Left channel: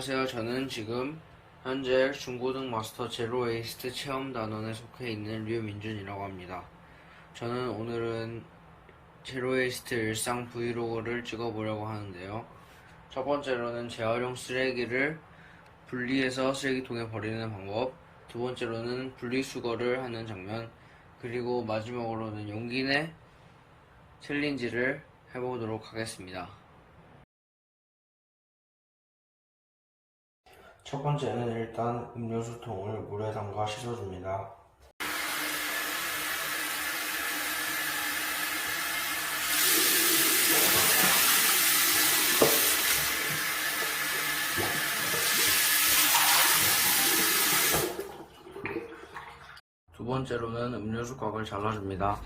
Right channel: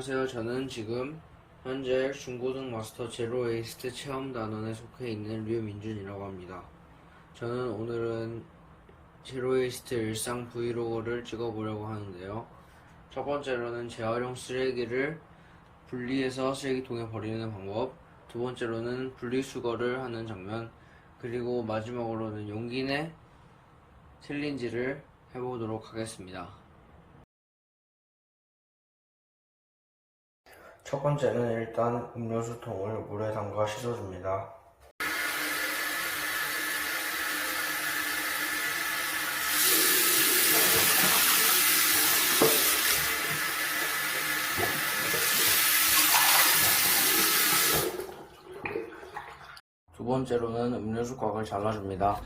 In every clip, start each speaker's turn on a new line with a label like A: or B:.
A: 안녕하세요. 저는 지금 현재 중고등 마스터 제로 웨이스트 체험 단원에 속해 있는 류민준이라고 합니다. 저는 오늘은 제로 웨이스트 일상 브이로그를 찍어보려고 하는데요. 첫 번째로는 재활용 쓰레기를 분리해서 쓰레기통에 버리는 방법, 두 번째로는 분리수거를 하는 장면, 그리고 마지막으로는 용기 내 챌린지를 해보도록 하겠습니다. 첫 번째는 일단 음료수통을 물에 담가 씻어줍니다. 두 번째로는 음료수 곽을 잘라줍니다.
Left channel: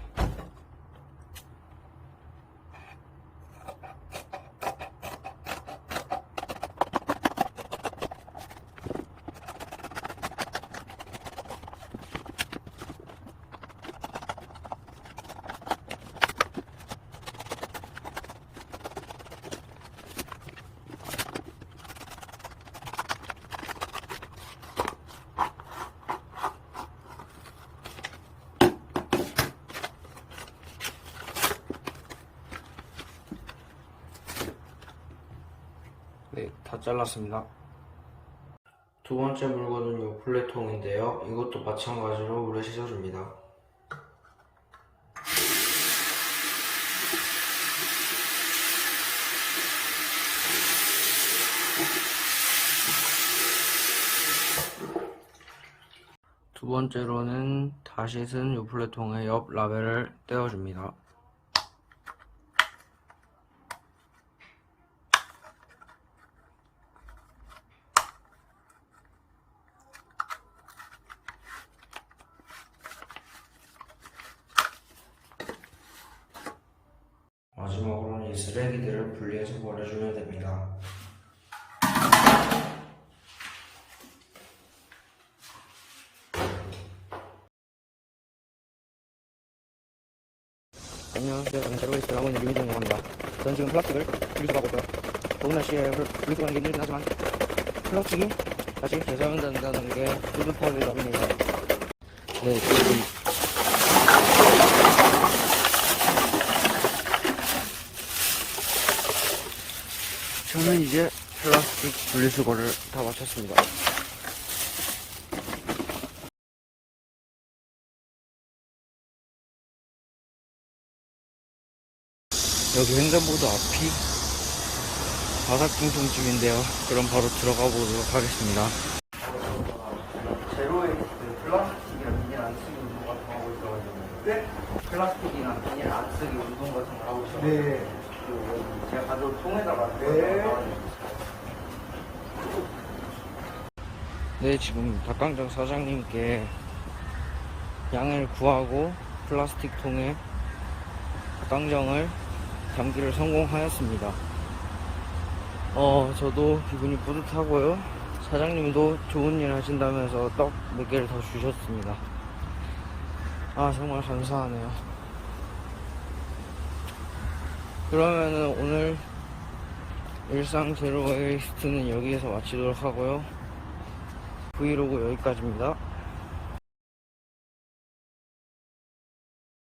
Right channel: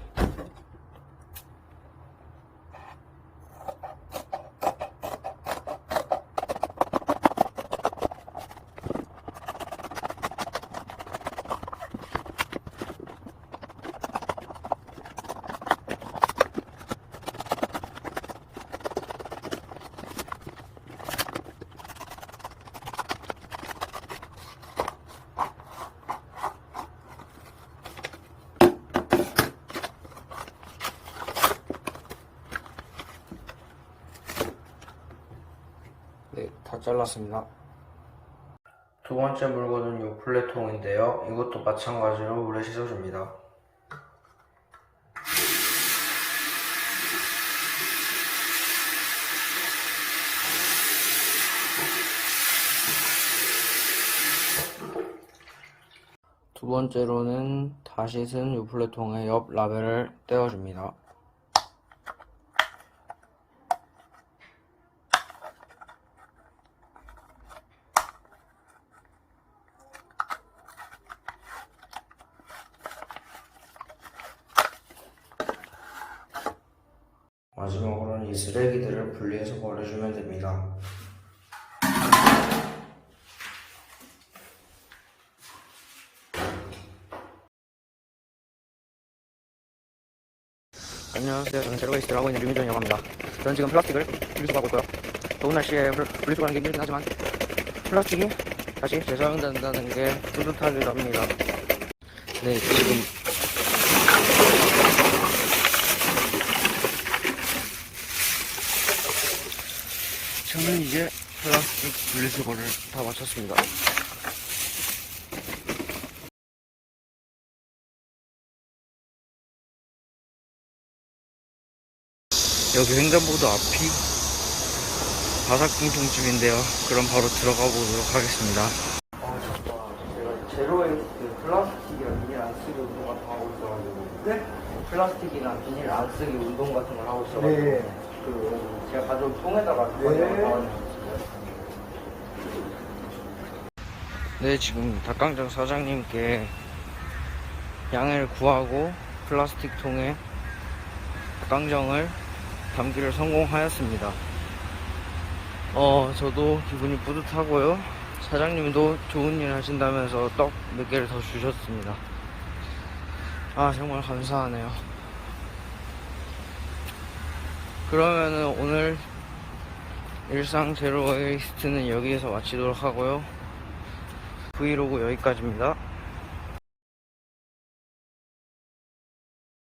A: 네, 다 잘랐습니다. 두 번째 물건은 요 플레통인데요. 이것도 마찬가지로 물에 씻어줍니다. 두 번째로는 다 씻은 요 플레통의 옆 라벨을 떼어줍니다. 마지막으로는 이 쓰레기들을 분리해서 버려주면 됩니다.
B: 안녕하세요. 저는 제로웨이스트를 하고 있는 류민정이라고 합니다. 저는 지금 플라스틱을 분리수거하고 있고요. 더운 날씨에 플- 분리수거하는 게 힘들긴 하지만 플라스틱이 다시 재사용된다는 게 뿌듯하기도 합니다.
A: 네, 지금 저는 이제 플라스틱 분리수거를 다 마쳤습니다. 여기 횡단보도 앞이 바삭통통집인데요. 그럼 바로 들어가 보도록 하겠습니다. 제로웨이스트 플라스틱이나 비닐 안 쓰기 운동 같은 거 하고 있어가지고 네? 플라스틱이나 비닐 안 쓰기 운동 같은 거 하고 있어가지고
C: 네. 네.
A: 네 지금 닭강정 사장님께 양해를 구하고 플라스틱 통에 닭강정을 담기를 성공하였습니다. 어 저도 기분이 뿌듯하고요. 사장님도 좋은 일 하신다면서 떡 몇 개를 더 주셨습니다. 아 정말 감사하네요 그러면은 오늘 일상 제로 웨이스트는 여기에서 마치도록 하고요. 브이로그 여기까지입니다